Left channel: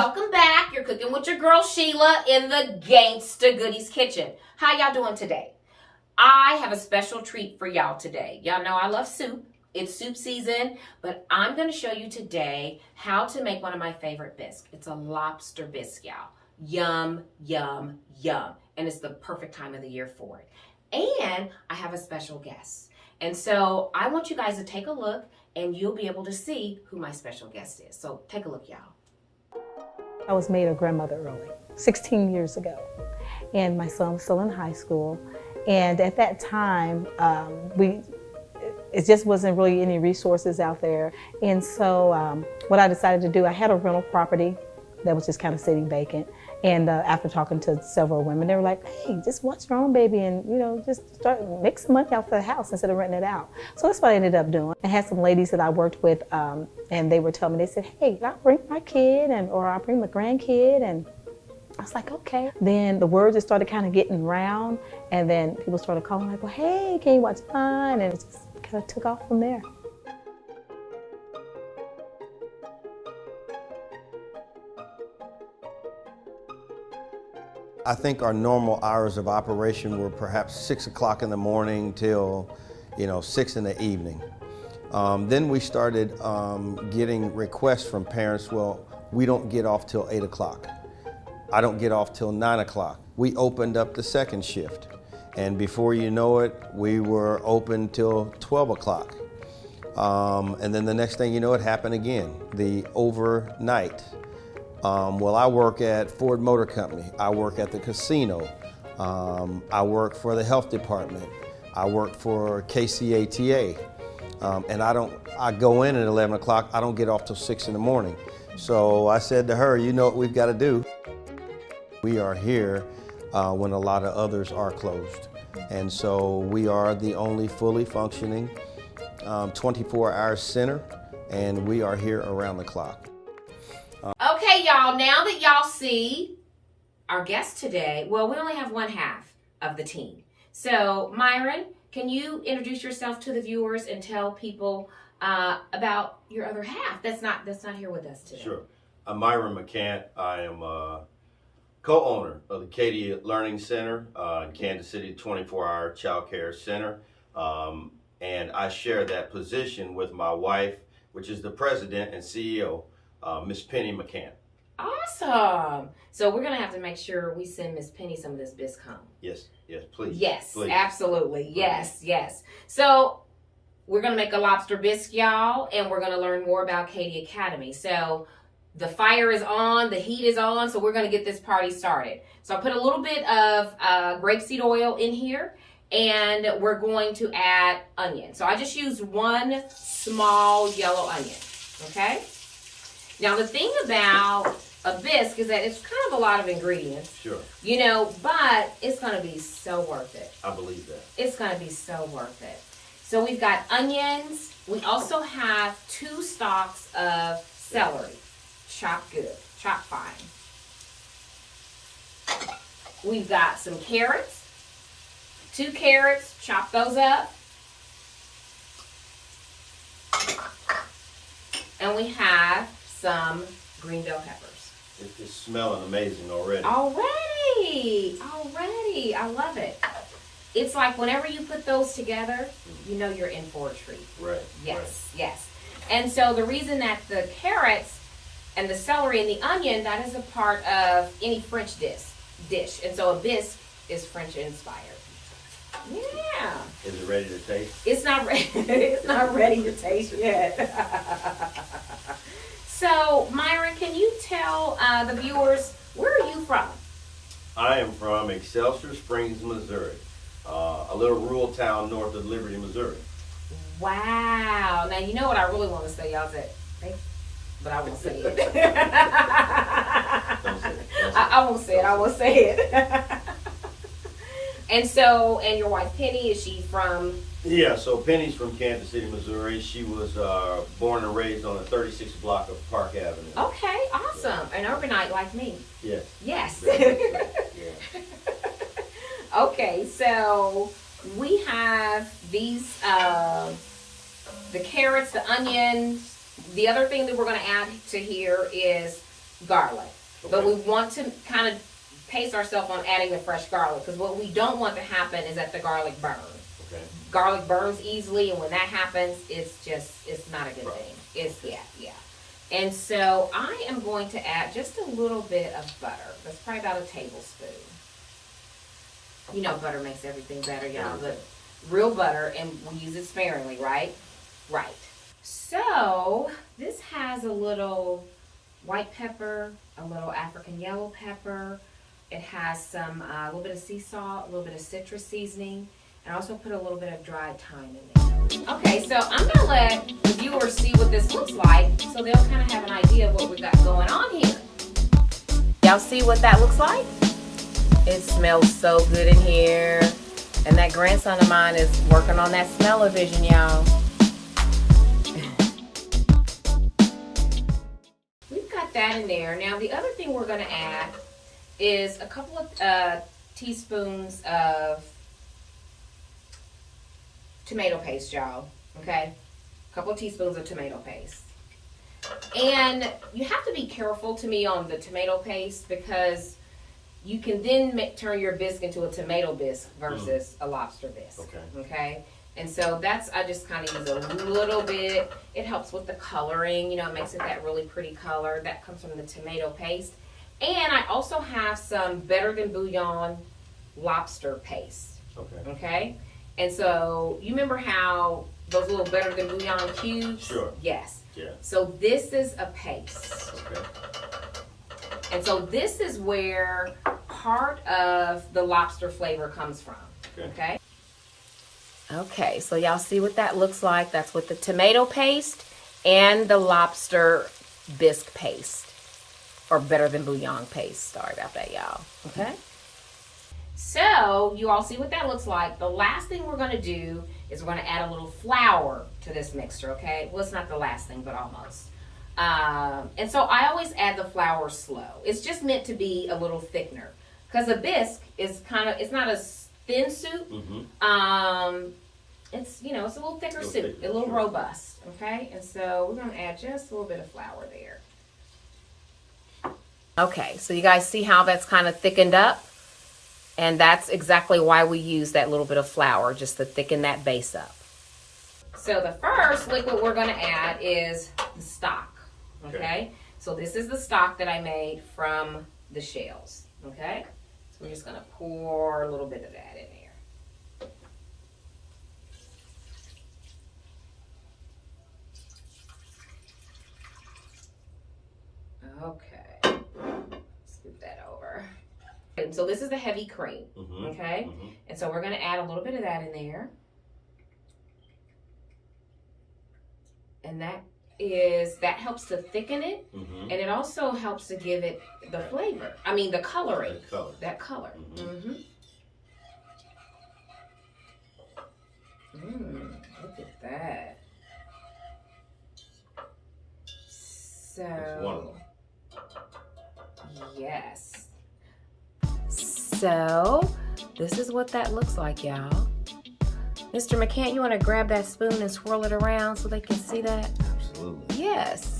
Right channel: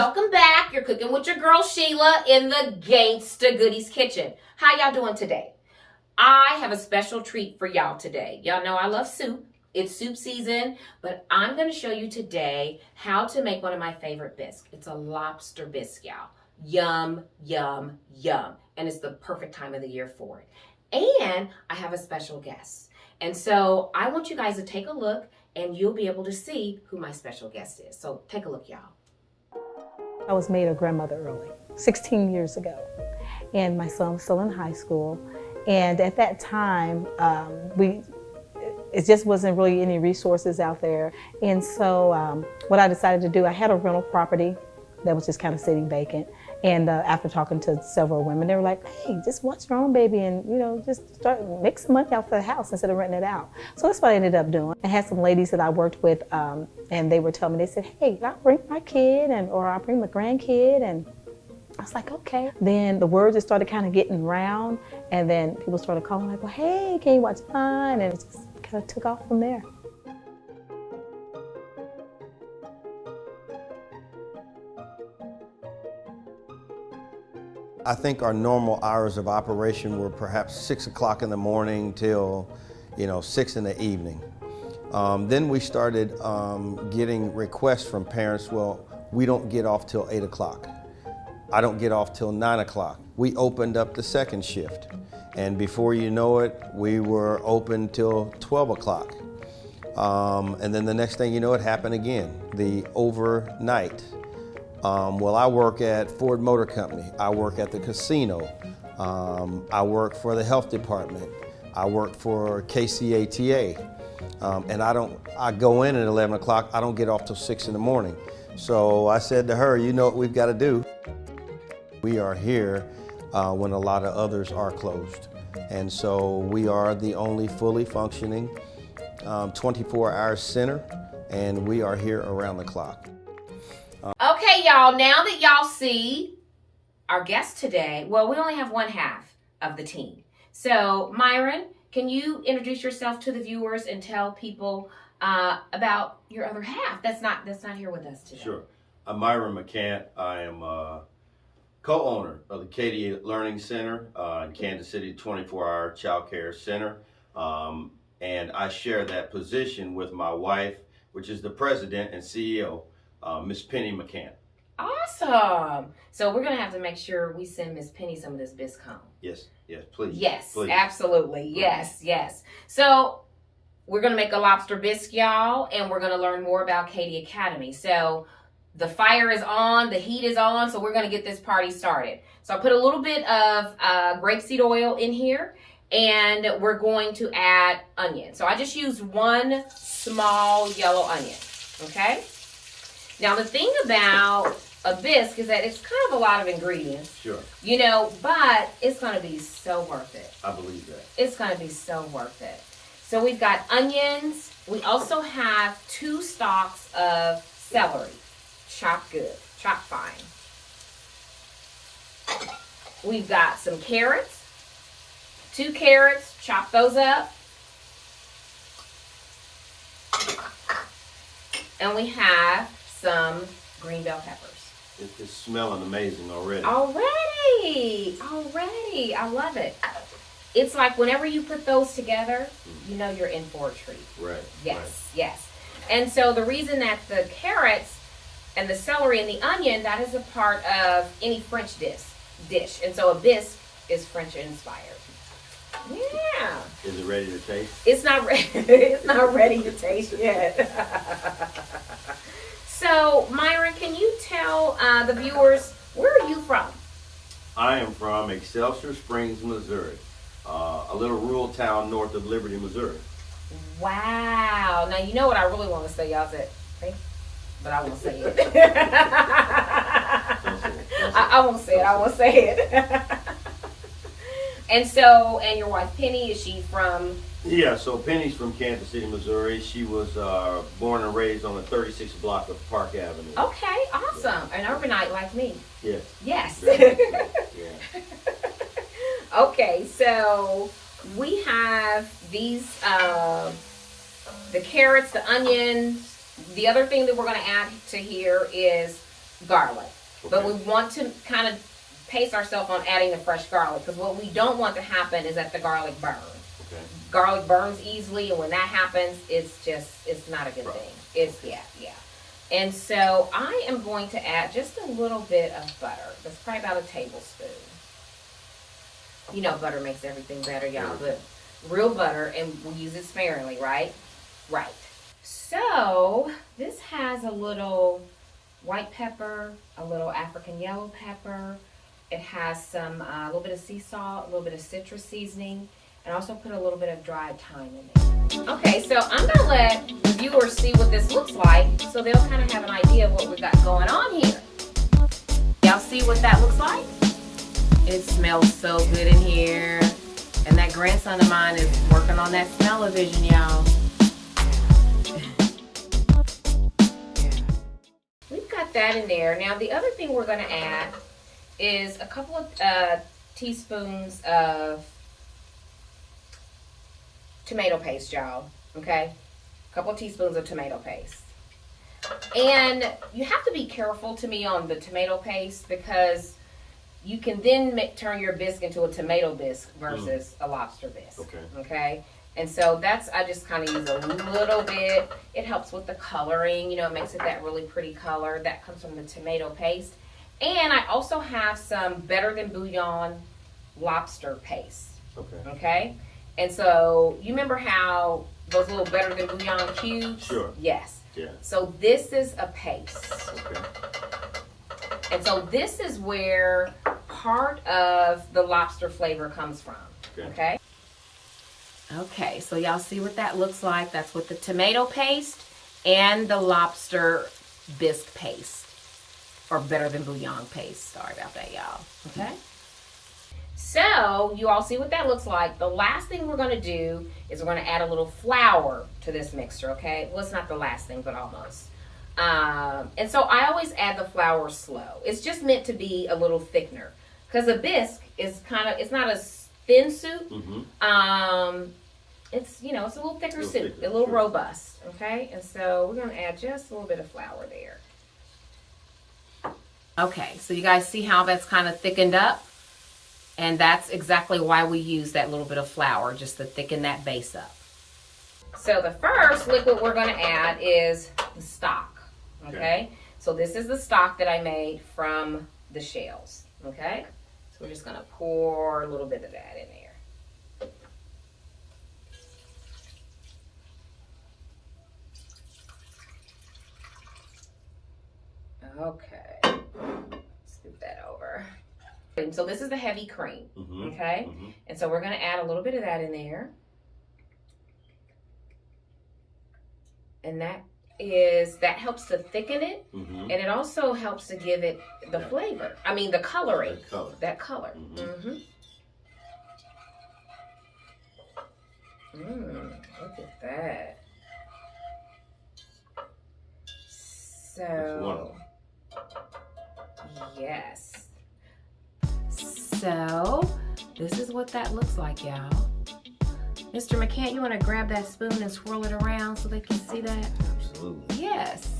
welcome back. You're cooking with your girl Sheila in the Gangsta Goodies Kitchen. How y'all doing today? I have a special treat for y'all today. Y'all know I love soup. It's soup season, but I'm going to show you today how to make one of my favorite bisques. It's a lobster bisque, y'all. Yum, yum, yum. And it's the perfect time of the year for it. And I have a special guest. And so I want you guys to take a look and you'll be able to see who my special guest is. So take a look, y'all. I was made a grandmother early, 16 years ago, and my son was still in high school. And at that time, it just wasn't really any resources out there. And so what I decided to do, I had a rental property that was just kind of sitting vacant. And after talking to several women, they were like, hey, just watch your own baby and, just make some money out for the house instead of renting it out. So that's what I ended up doing. I had some ladies that I worked with and they were telling me, they said, hey, I'll bring my kid or I'll bring my grandkid. And I was like, okay. Then the word just started kind of getting around and then people started calling like, well, hey, can you watch mine? And it just kind of took off from there. I think our normal hours of operation were perhaps 6 o'clock in the morning till 6 in the evening. Then we started getting requests from parents, well, we don't get off till 8 o'clock. I don't get off till 9 o'clock. We opened up the second shift. And before you know it, we were open till 12 o'clock. And then the next thing you know, it happened again, the overnight. Well, I work at Ford Motor Company. I work at the casino. I work for the health department. I work for KCATA. And I go in at 11 o'clock. I don't get off till 6 in the morning. So I said to her, you know what we've got to do? We are here when a lot of others are closed. And so we are the only fully functioning 24-hour center, and we are here around the clock. Okay, y'all, now that y'all see our guest today, well, we only have one half of the team. So, Myron, can you introduce yourself to the viewers and tell people about your other half that's not here with us today? Sure. I'm Myron McCant. I am co-owner of the Kiddie Learning Center in Kansas City, 24-hour child care center. And I share that position with my wife, which is the president and CEO, Miss Penny McCant. Awesome. So we're going to have to make sure we send Miss Penny some of this bisque home. Yes, please. Yes, please. Absolutely. Yes. So we're going to make a lobster bisque, y'all, and we're going to learn more about Kiddie Academy. So the fire is on, the heat is on, so we're going to get this party started. So I put a little bit of grapeseed oil in here, and we're going to add onion. So I just used one small yellow onion, okay? Now, the thing about a bisque is that it's kind of a lot of ingredients. Sure. But it's going to be so worth it. I believe that. It's going to be so worth it. So we've got onions. We also have 2 stalks of celery. Chopped good. Chopped fine. We've got some carrots. 2 carrots. Chop those up. And we have some green bell peppers. It's smelling amazing already. Already. I love it. It's like whenever you put those together, you know you're in for a treat. Right. Yes. And so the reason that the carrots and the celery and the onion, that is a part of any French dish. And so a bisque is French inspired. Yeah. Is it ready to taste? It's not ready. It's not ready to taste yet. So, Myron, can you tell the viewers, where are you from? I am from Excelsior Springs, Missouri, a little rural town north of Liberty, Missouri. Wow. Now, you know what I really want to say, y'all said, but I won't say it. Don't say it. I won't say it. I won't say it. And your wife Penny, is she from? Yeah, so Penny's from Kansas City, Missouri. She was born and raised on the 36th block of Park Avenue. Okay, awesome. An urbanite like me. Yes. Yeah. Okay, so we have these, the carrots, the onions. The other thing that we're going to add to here is garlic. Okay. But we want to kind of pace ourselves on adding the fresh garlic, because what we don't want to happen is that the garlic burns. Okay. Garlic burns easily, and when that happens, it's not a good thing. It's, yeah. And so I am going to add just a little bit of butter. That's probably about a tablespoon. You know butter makes everything better, y'all, but real butter, and we use it sparingly, right? Right. So this has a little white pepper, a little African yellow pepper. It has some, a little bit of sea salt, a little bit of citrus seasoning, and also put a little bit of dried thyme in there. Okay, so I'm gonna let the viewers see what this looks like, so they'll kind of have an idea of what we got going on here. Y'all see what that looks like? It smells so good in here. And that grandson of mine is working on that smell-o-vision, y'all. We've got that in there. Now, the other thing we're gonna add is a couple of teaspoons of tomato paste, y'all, okay? A couple of teaspoons of tomato paste. And you have to be careful, to me, on the tomato paste, because you can then turn your bisque into a tomato bisque versus a lobster bisque, okay? And so I just kind of use a little bit. It helps with the coloring, you know, it makes it that really pretty color. That comes from the tomato paste. And I also have some Better Than Bouillon lobster paste, okay? And so, you remember how those little Better Than Bouillon cubes? Sure. Yes. Yeah. So this is a paste. Okay. And so this is where part of the lobster flavor comes from, okay? Okay, so y'all see what that looks like? That's with the tomato paste and the lobster bisque paste, or Better Than Bouillon paste. Sorry about that, y'all, okay? So, you all see what that looks like. The last thing we're going to do is we're going to add a little flour to this mixture, okay? Well, it's not the last thing, but almost. And so I always add the flour slow. It's just meant to be a little thickener, because a bisque is it's not a thin soup. It's, you know, it's a little thicker soup, a little robust, okay? And so we're going to add just a little bit of flour there. Okay, so you guys see how that's kind of thickened up? And that's exactly why we use that little bit of flour, just to thicken that base up. So the first liquid we're going to add is the stock, okay? So this is the stock that I made from the shells, okay? So we're just going to pour a little bit of that in there. Okay, scoop that over. And so this is the heavy cream, okay? And so we're going to add a little bit of that in there. And that helps to thicken it, and it also helps to give it the flavor. I mean, the coloring. That color. Look at that. So, yes. So, this is what that looks like, y'all. Mr. McCant, you want to grab that spoon and swirl it around so they can see that? Absolutely. Yes.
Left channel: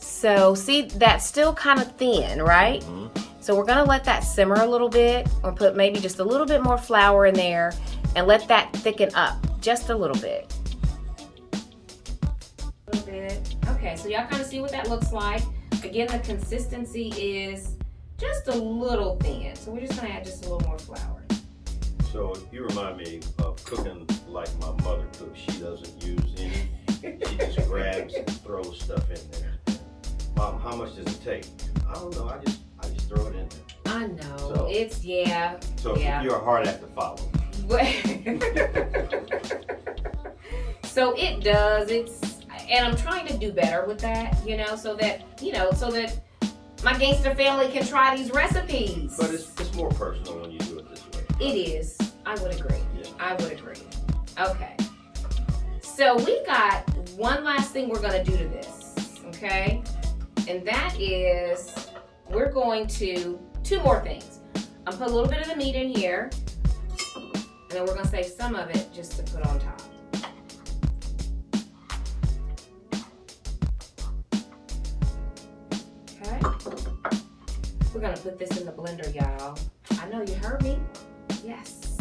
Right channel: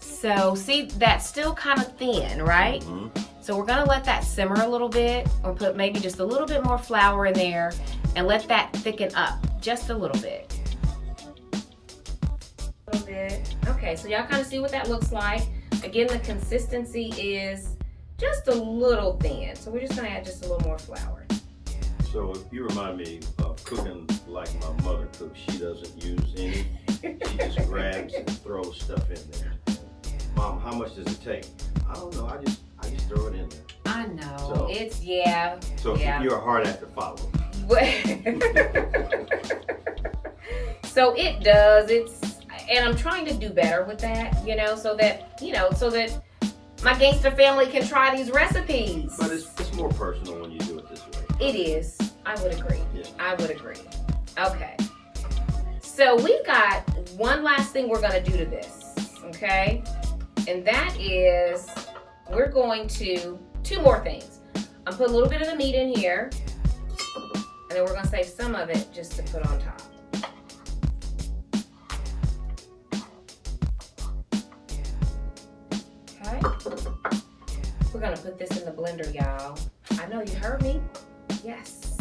So, see, that's still kind of thin, right? So we're going to let that simmer a little bit, or put maybe just a little bit more flour in there, and let that thicken up just a little bit. Okay, so y'all kind of see what that looks like. Again, the consistency is just a little thin, so we're just going to add just a little more flour. So you remind me of cooking like my mother cooks. She doesn't use any. She just grabs and throws stuff in there. Mom, how much does it take? I don't know. I just throw it in there. I know. So, it's, yeah. So you're a hard act to follow. So it does. And I'm trying to do better with that, so that my gangster family can try these recipes. But it's more personal when you do it this way. It is. I would agree. Yeah. I would agree. Okay. So we've got one last thing we're going to do to this, okay? And that is, we're going to, two more things. I'm put a little bit of the meat in here, and then we're going to save some of it just to put on top. Okay. We're gonna put this in the blender, y'all. I know you heard me. Yes.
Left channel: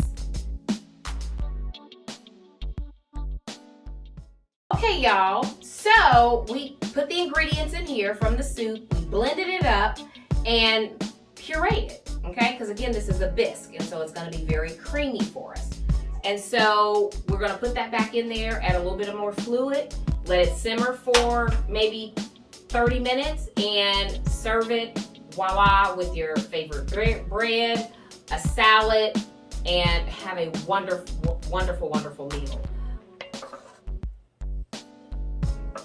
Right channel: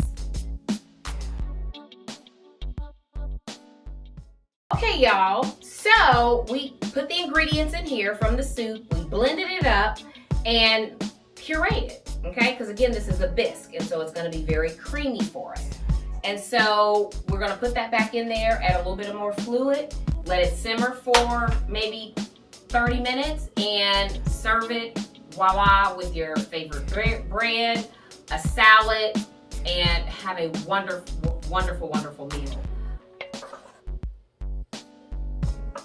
Okay, y'all. So we put the ingredients in here from the soup. We blended it up and pureed it. Okay, because again, this is a bisque, and so it's gonna be very creamy for us. And so we're gonna put that back in there, add a little bit of more fluid, let it simmer for maybe 30 minutes, and serve it, voila, with your favorite bread, a salad, and have a wonderful, wonderful, wonderful meal.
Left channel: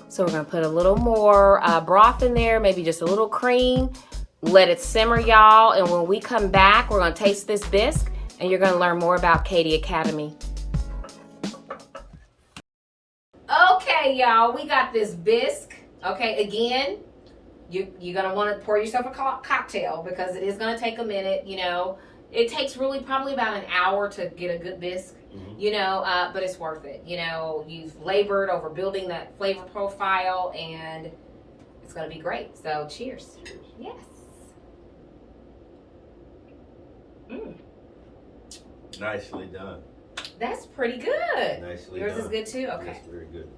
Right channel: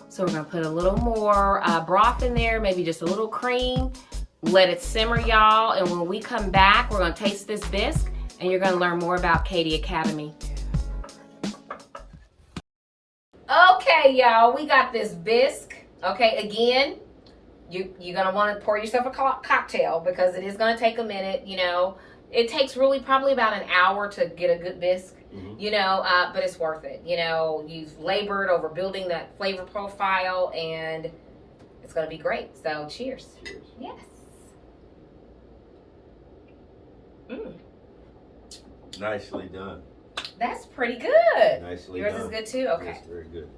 So we're gonna put a little more broth in there, maybe just a little cream, let it simmer, y'all, and when we come back, we're gonna taste this bisque, and you're gonna learn more about Kiddie Academy. Okay, y'all, we got this bisque. Okay, again, you're gonna want to pour yourself a cocktail because it is gonna take a minute. You know, it takes really probably about an hour to get a good bisque. You know, but it's worth it. You know, you've labored over building that flavor profile, and it's gonna be great. So, cheers. Cheers. Yes. Mm. Nicely done. That's pretty good. Nicely Yours done. is good too? Okay. Yes, very good.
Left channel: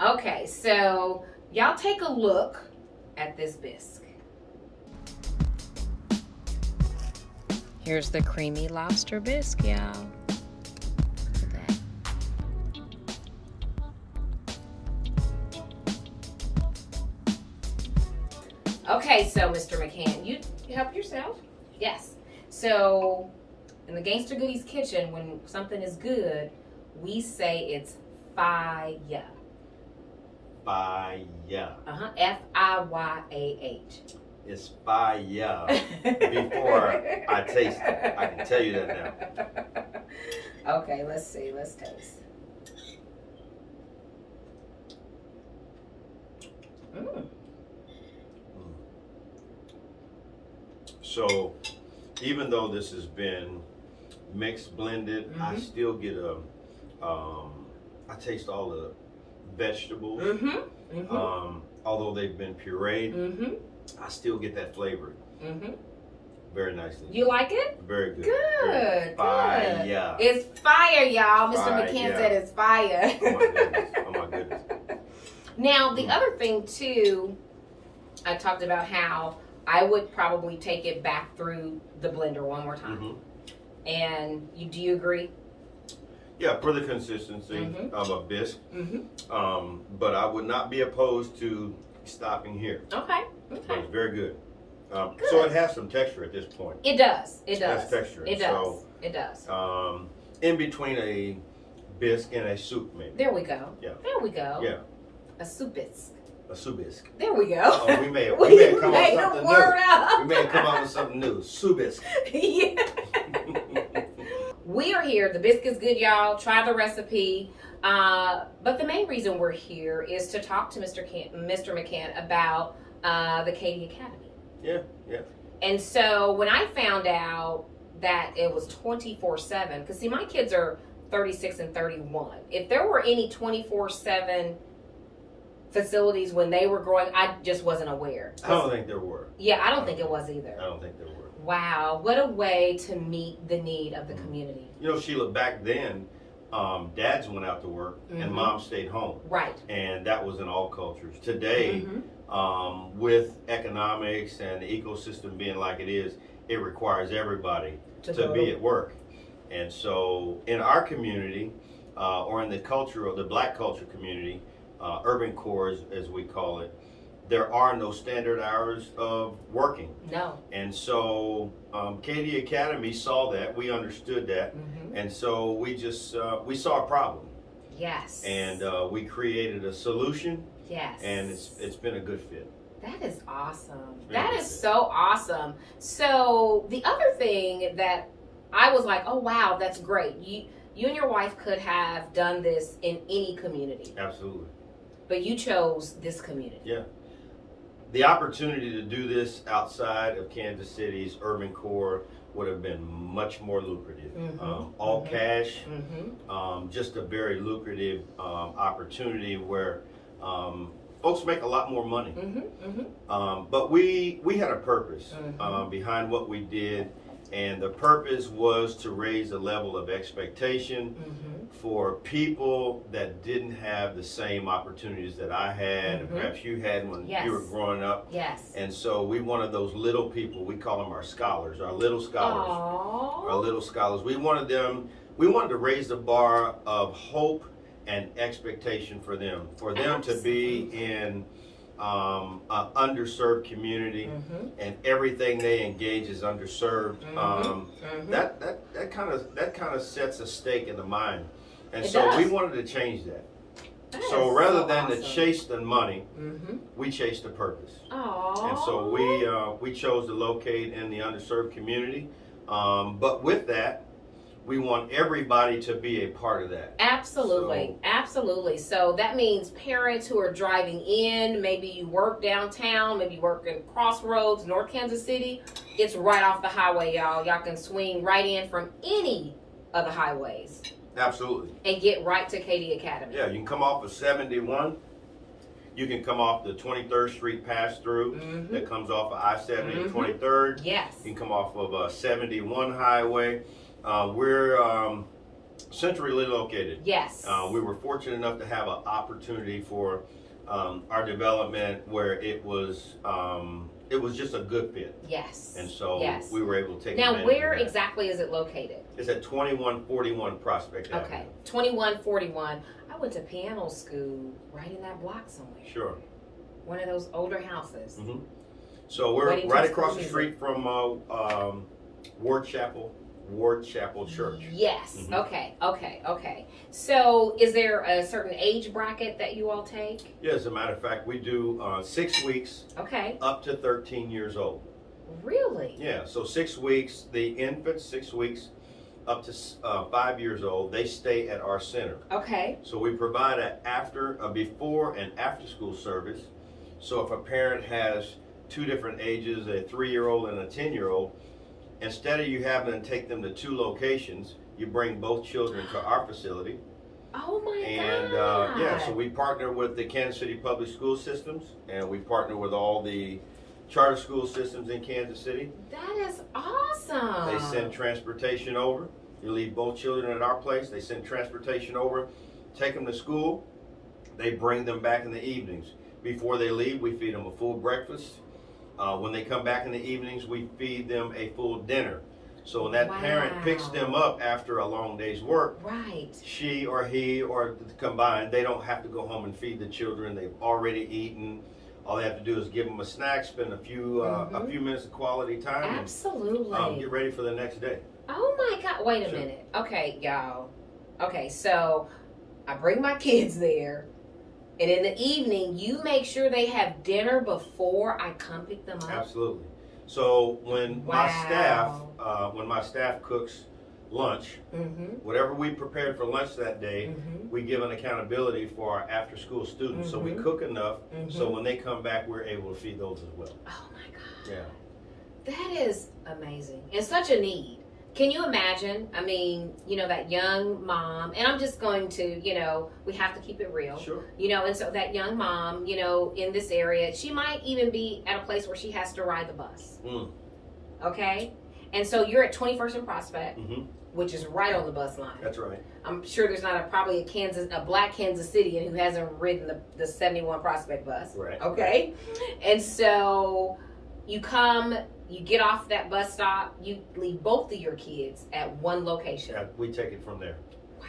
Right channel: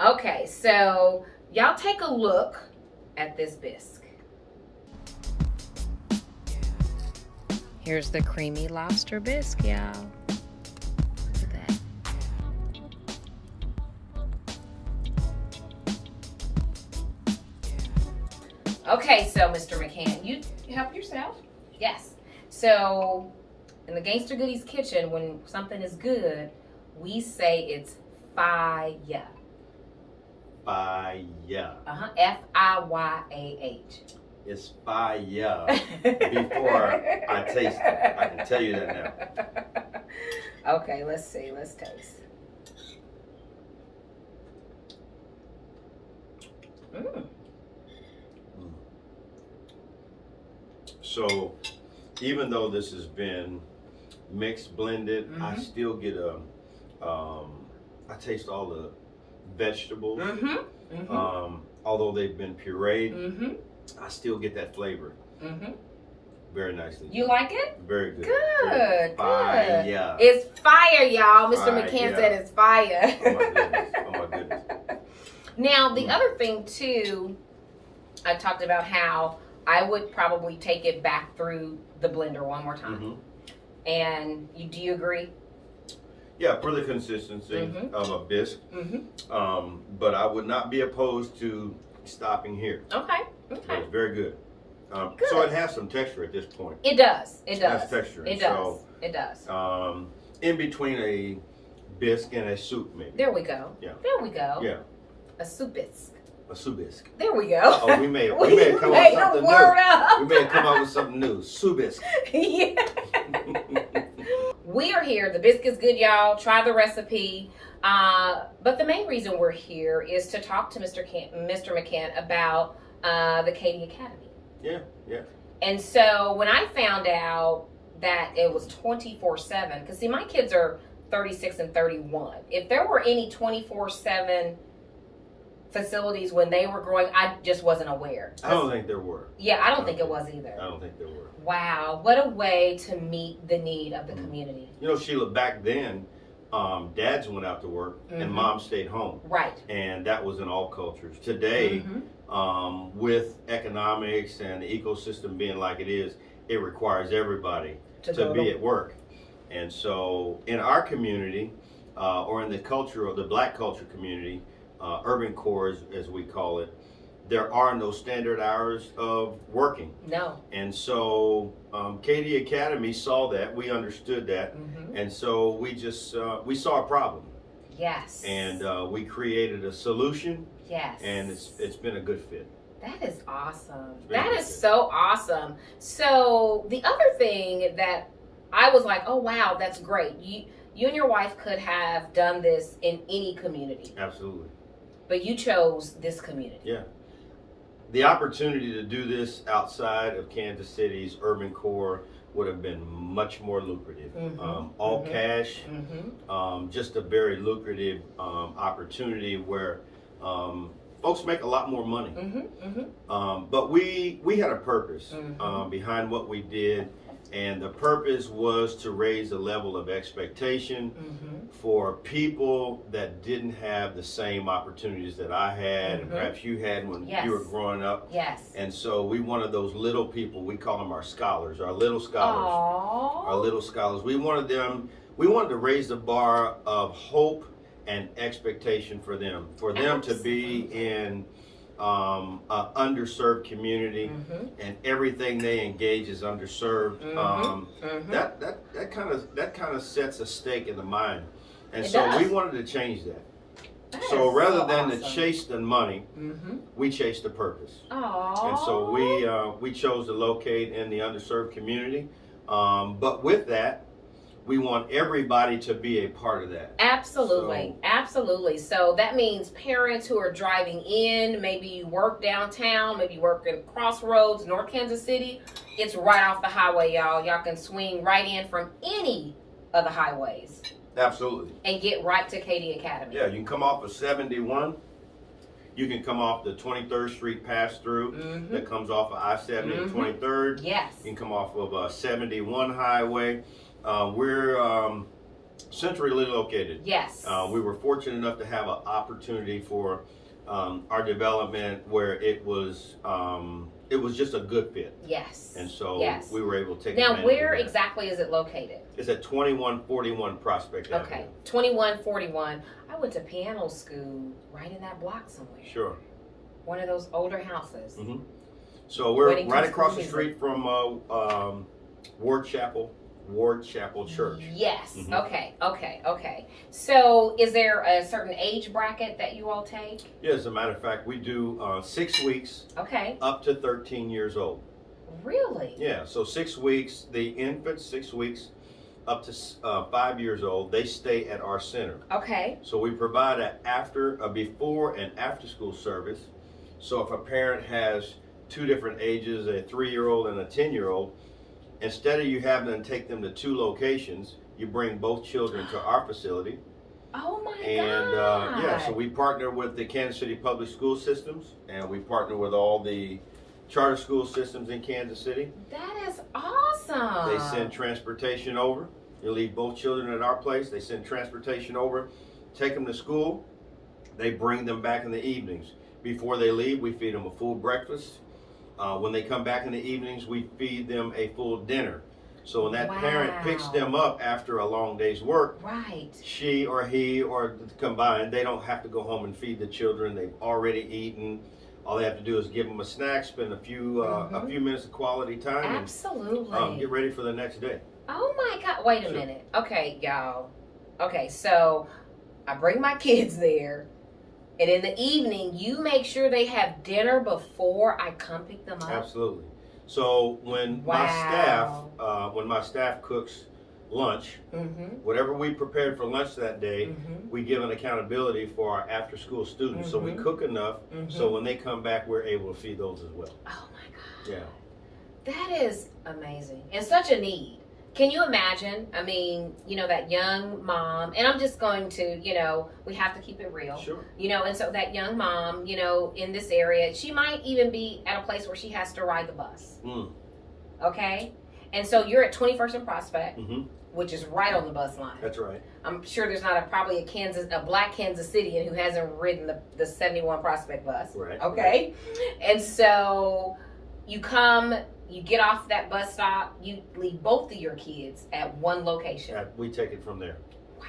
Okay, so y'all take a look at this bisque. Here's the creamy lobster bisque, y'all. Look at that. Okay, so Mr. McCant, you help yourself? Yes. So in the Gangsta Goodies Kitchen, when something is good, we say it's fire. Fire. F-I-Y-A-H. It's fire. Before I taste it, I can tell you that now. Okay, let's see. Let's taste. Mm. So, even though this has been mixed, blended, I still get I taste all the vegetables. Although they've been pureed, I still get that flavor. Very nicely. You like it? Very good. Good. Fire. Good. It's fire, y'all. Mr. McCant said it's fire. Oh my goodness. Oh my goodness. Now, the other thing too, I talked about how I would probably take it back through the blender one more time. And do you agree? Yeah, for the consistency of a bisque. But I would not be opposed to stopping here. Okay. But it's very good. So it has some texture at this point. It does. It does. It has texture. It does. So, it does. In between a bisque and a soup, maybe. There we go. Yeah. There we go. Yeah. A soup bisque. A soup bisque. There we go. Oh, we may have come up with something new. Up. We may have come up with something new. Soup bisque. Yeah. We are here. The bisque is good, y'all. Try the recipe. But the main reason we're here is to talk to Mr. McCant about the Kiddie Academy. Yeah, yeah. And so when I found out that it was 24/7, because see, my kids are 36 and 31. If there were any 24/7 facilities when they were growing, I just wasn't aware. I don't think there were. Yeah, I don't think it was either. I don't think there were. Wow, what a way to meet the need of the community. You know, Sheila, back then, dads went out to work and moms stayed home. Right. And that was in all cultures. Today, with economics and the ecosystem being like it is, it requires everybody to be at work. And so in our community, or in the culture of the black culture community, urban core as we call it, there are no standard hours of working. No. And so Kiddie Academy saw that, we understood that, and so we just, we saw a problem. Yes. And we created a solution. Yes. And it's been a good fit. That is awesome. That is so awesome. So the other thing that I was like, oh wow, that's great. You and your wife could have done this in any community. Absolutely. But you chose this community. Yeah. The opportunity to do this outside of Kansas City's urban core would have been much more lucrative. All cash, just a very lucrative opportunity where folks make a lot more money. Mm-hmm. But we had a purpose Mm-hmm. behind what we did, and the purpose was to raise the level of expectation Mm-hmm. for people that didn't have the same opportunities that I had, and Mhm. perhaps you had when Yes. you were growing up. Yes. And so we wanted those little people, we call them our scholars, our little scholars. Aww. Our little scholars. We wanted to raise the bar of hope and expectation for them to be in an underserved community, Mm-hmm. and everything they engage is underserved. Mm-hmm. That kind of sets a stake in the mind, and It so does. we wanted to change that. That So is rather so than to awesome. chase the money, Mm-hmm. we chased the purpose. Aww. And so we chose to locate in the underserved community, but with that, we want everybody to be a part of that. Absolutely, absolutely. So that means parents who are driving in, maybe you work downtown, maybe you work in Crossroads, North Kansas City. It's right off the highway, y'all. Y'all can swing right in from any of the highways Absolutely. and get right to Kiddie Academy. Yeah, you can come off of 71. You can come off the 23rd Street pass-through Mhm. that comes off of I-70 and Mhm. 23rd. Yes. You can come off of 71 Highway. We're centrally located. Yes. We were fortunate enough to have an opportunity for our development where it was just a good fit, Yes. and so Yes. we were able to take Now, advantage where of that. exactly is it located? It's at 2141 Prospect Okay, Avenue. 2141. I went to piano school right in that block somewhere. Sure. One of those older houses. Hmm. So we're Weddington right across the School street from Ward Chapel Church. Yes. Mhm. Okay. So, is there a certain age bracket that you all take? Yeah, as a matter of fact, we do 6 weeks Okay. up to 13 years old. Really? Yeah, so 6 weeks, the infants, 6 weeks up to 5 years old, they stay at our center. Okay. So we provide a before and after school service. So if a parent has two different ages, a 3-year-old and a 10-year-old, instead of you having to take them to two locations, you bring both children to our facility. Oh my And God. yeah, so we partner with the Kansas City Public School Systems, and we partner with all the charter school systems in Kansas City. That is awesome. They send transportation over. You leave both children at our place. They send transportation over, take them to school. They bring them back in the evenings. Before they leave, we feed them a full breakfast. When they come back in the evenings, we feed them a full dinner. So when that parent picks them up after a long day's work, Right. she or he or combined, they don't have to go home and feed the children. They've already eaten. All they have to do is give them a snack, spend a few minutes of quality time, Absolutely. and get ready for the next day. Oh my God. Wait a Sure. minute. Okay, y'all. Okay, so I bring my kids there, and in the evening, you make sure they have dinner before I come pick them up. Absolutely. So when Wow. my staff cooks lunch, Mm-hmm. whatever we prepared for lunch that day, Mm-hmm. we give an accountability for our after-school students. So we Mhm. cook enough so Mhm. when they come back, we're able to feed those as well. Oh my God. Yeah. That is amazing and such a need. Can you imagine? I mean, that young mom, and I'm just going to, we have to keep it real. Sure. And so that young mom, in this area, she might even be at a place where she has to ride the bus. Mm. Okay? And so you're at 21st and Prospect, Mm-hmm. which is right on the bus line. That's right. I'm sure there's not probably a black Kansas Citian who hasn't ridden the 71 Prospect bus. Right. Okay? And so you come, you get off that bus stop, you leave both of your kids at one location. Yeah, we take it from there. Wow.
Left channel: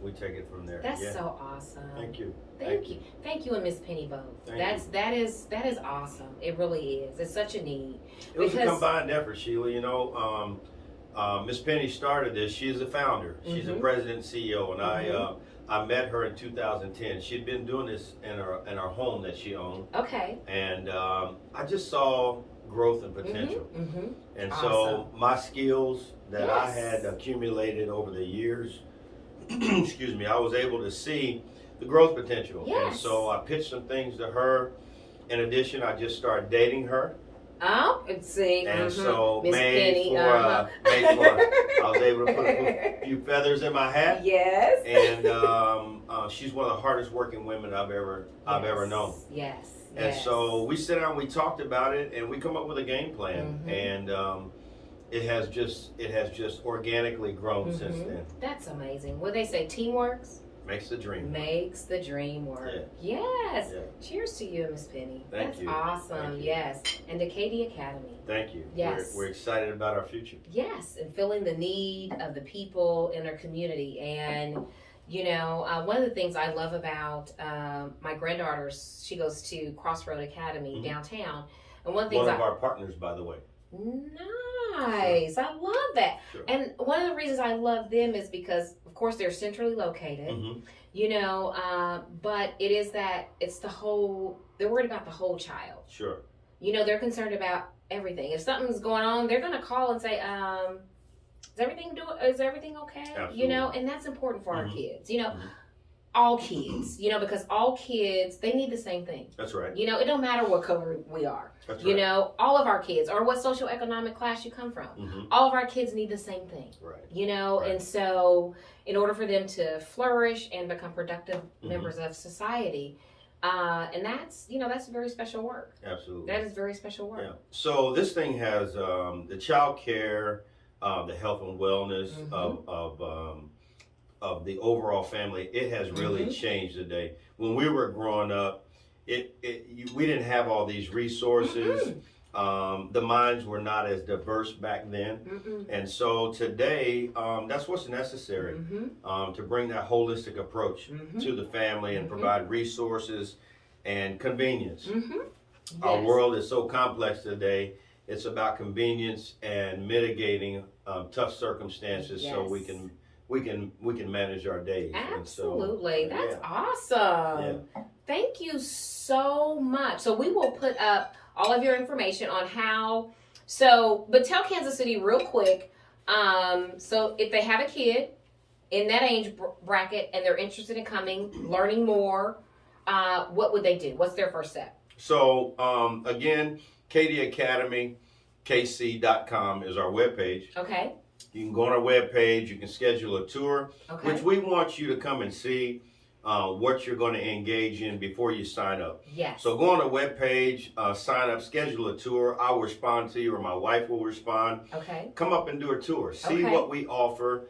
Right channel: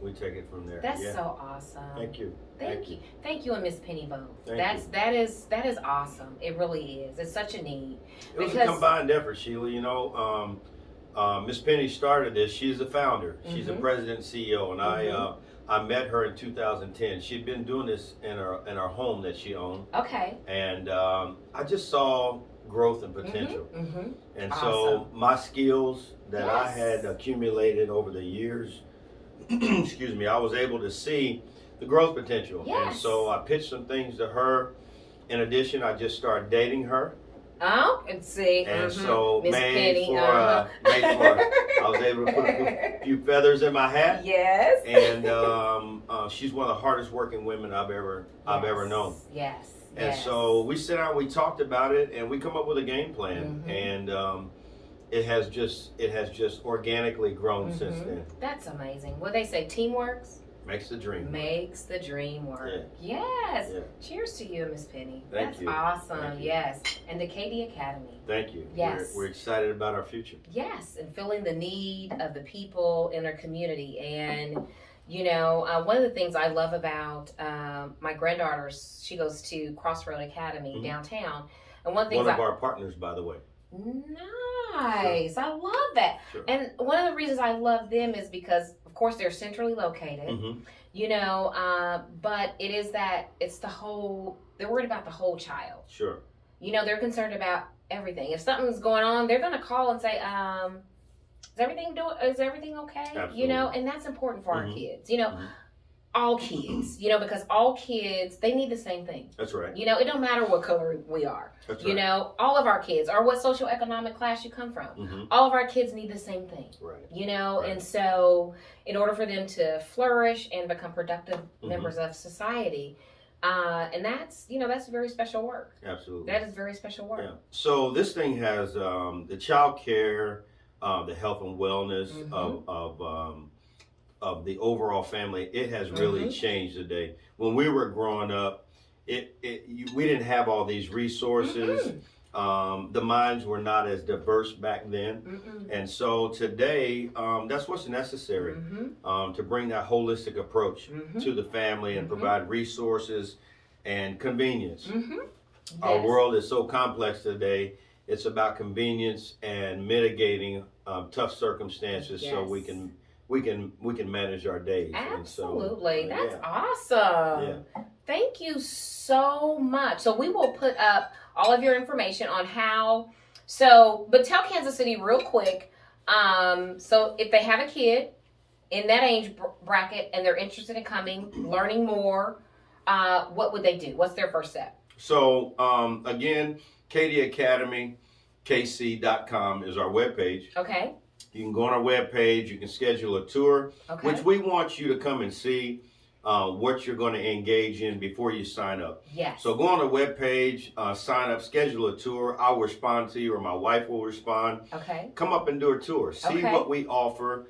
We take it from there. That's yeah. so awesome. Thank you. Thank you and Miss Penny both. Thank That is awesome. It really is. It's such a need. It was a Because- combined effort, Sheila. Miss Penny started this. She's a founder. She's the Mhm. president and CEO, and Mhm. I met her in 2010. She'd been doing this in her home that she owned, Okay. and I just saw growth and potential. Mm-hmm. And Awesome. so my skills that I Yes. had accumulated over the years, excuse me, I was able to see the growth potential. And Yes. so I pitched some things to her. In addition, I just started dating her. Oh, let's see. And so Miss Penny, I was able to put a few feathers in my hat. Yes. And she's one of the hardest working women I've ever known. Yes. And so we sit down, we talked about it, and we come up with a game plan. And it has just organically grown since then. That's amazing. What they say, teamwork makes the dream. Makes the dream work. Yeah. Yes. Yeah. Cheers to you, Miss Penny. Thank you. That's awesome. Thank you. Yes. And the Kiddie Academy. Thank you. Yes. We're excited about our future. Yes, and filling the need of the people in our community. And you know, one of the things I love about my granddaughter, she goes to Crossroad Academy downtown, and one of our partners, by the way. Nice. Sure. I love that. Sure. And one of the reasons I love them is because, of course, they're centrally located, you know, but it's the whole, they're worried about the whole child. Sure. You know, they're concerned about everything. If something's going on, they're going to call and say, is everything okay? Absolutely. You know, and that's important for our kids, you know. All kids, you know, because all kids, they need the same thing. That's right. You know, it don't matter what color we are. That's you know, all of our kids, or what socioeconomic class you come from, all of our kids need the same thing. Right. You know, and so in order for them to flourish and become productive members of society, and that's, you know, that's very special work. Absolutely. That is very special work. Yeah. So this thing has the child care, the health and wellness of the overall family. It has really changed today. When we were growing up, we didn't have all these resources. The minds were not as diverse back then. And so today, that's what's necessary to bring that holistic approach to the family and provide resources and convenience. Our world is so complex today. It's about convenience and mitigating tough circumstances so we can manage our days. Absolutely. And so, that's awesome. Yeah. Thank you so much. So we will put up all of your information on how, but tell Kansas City real quick. So if they have a kid in that age bracket and they're interested in coming, learning more, what would they do? What's their first step? So again, Kiddie Academy, KC.com is our webpage. Okay. You can go on our webpage, you can schedule a tour, which we want you to come and see what you're going to engage in before you sign up. Yes. So go on the webpage, sign up, schedule a tour. I'll respond to you, or my wife will respond. Okay. Come up and do a tour. See what we offer.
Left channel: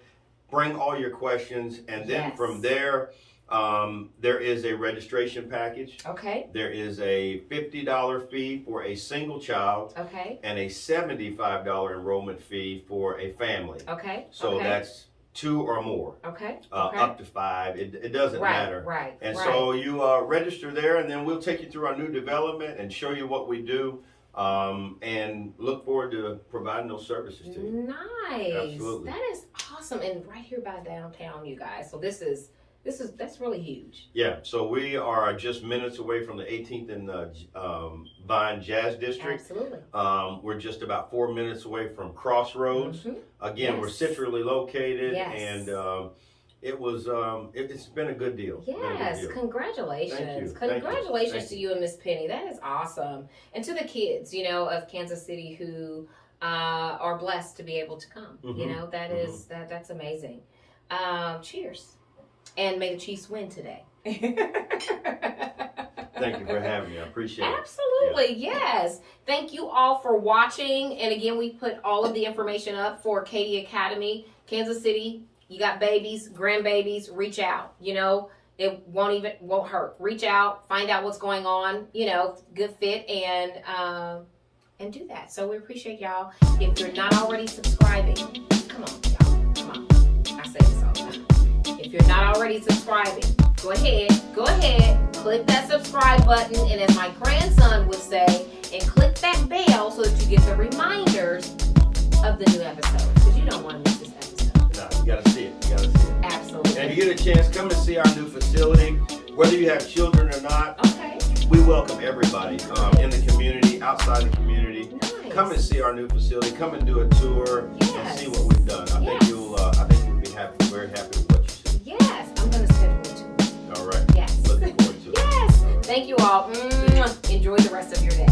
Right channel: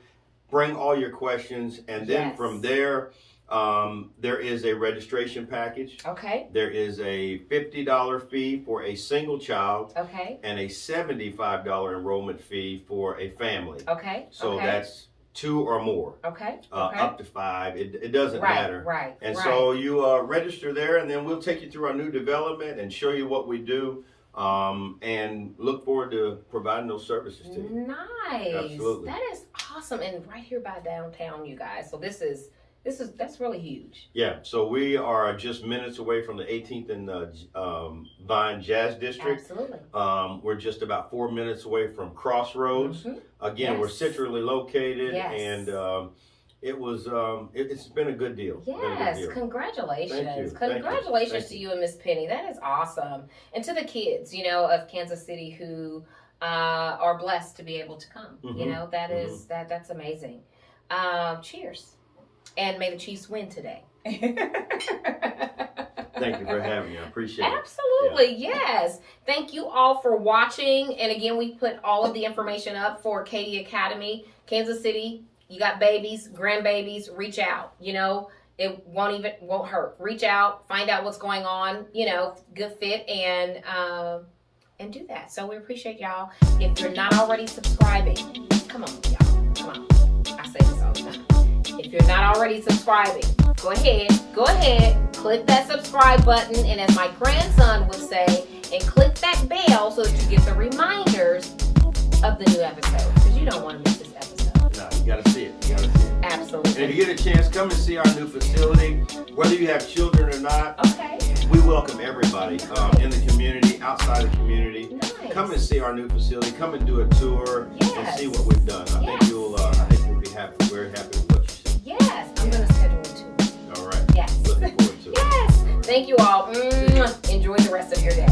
Bring all your questions, and then from there, there is a registration package. Okay. There is a $50 fee for a single child. Okay. And a $75 enrollment fee for a family. Okay. So that's 2 or more. Okay. Up to 5. It doesn't matter. Right. And so you register there, and then we'll take you through our new development and show you what we do. And look forward to providing those services to you. Nice. Absolutely. That is awesome, and right here by downtown, you guys. So that's really huge. Yeah, so we are just minutes away from the 18th and Vine Jazz District. Absolutely. We're just about 4 minutes away from Crossroads. Again, we're centrally located, and it's been a good deal. Yes, congratulations. Congratulations to you and Miss Penny. That is awesome. And to the kids, you know, of Kansas City who are blessed to be able to come. You know, that's amazing. Cheers. And may the Chiefs win today. Thank you for having me. I appreciate it. Absolutely, yes. Thank you all for watching. And again, we put all of the information up for Kiddie Academy, Kansas City. You got babies, grandbabies, reach out. You know, it won't hurt. Reach out, find out what's going on, you know, good fit, and do that. So we appreciate y'all. If you're not already subscribing, come on, y'all. Come on. I say this all the time. If you're not already subscribing, go ahead, click that subscribe button, and as my grandson would say, and click that bell so that you get the reminders of the new episodes, because you don't want to miss this episode. No, you got to see it. Absolutely. And if you get a chance, come and see our new facility. Whether you have children or not, we welcome everybody in the community, outside the community. Nice. Come and see our new facility. Come and do a tour and see what we've done. I think you'll be happy, very happy with what you see. Yes, I'm going to schedule it too. All right. Yes. Looking forward to it. Yes. Thank you all. Enjoy the rest of your day.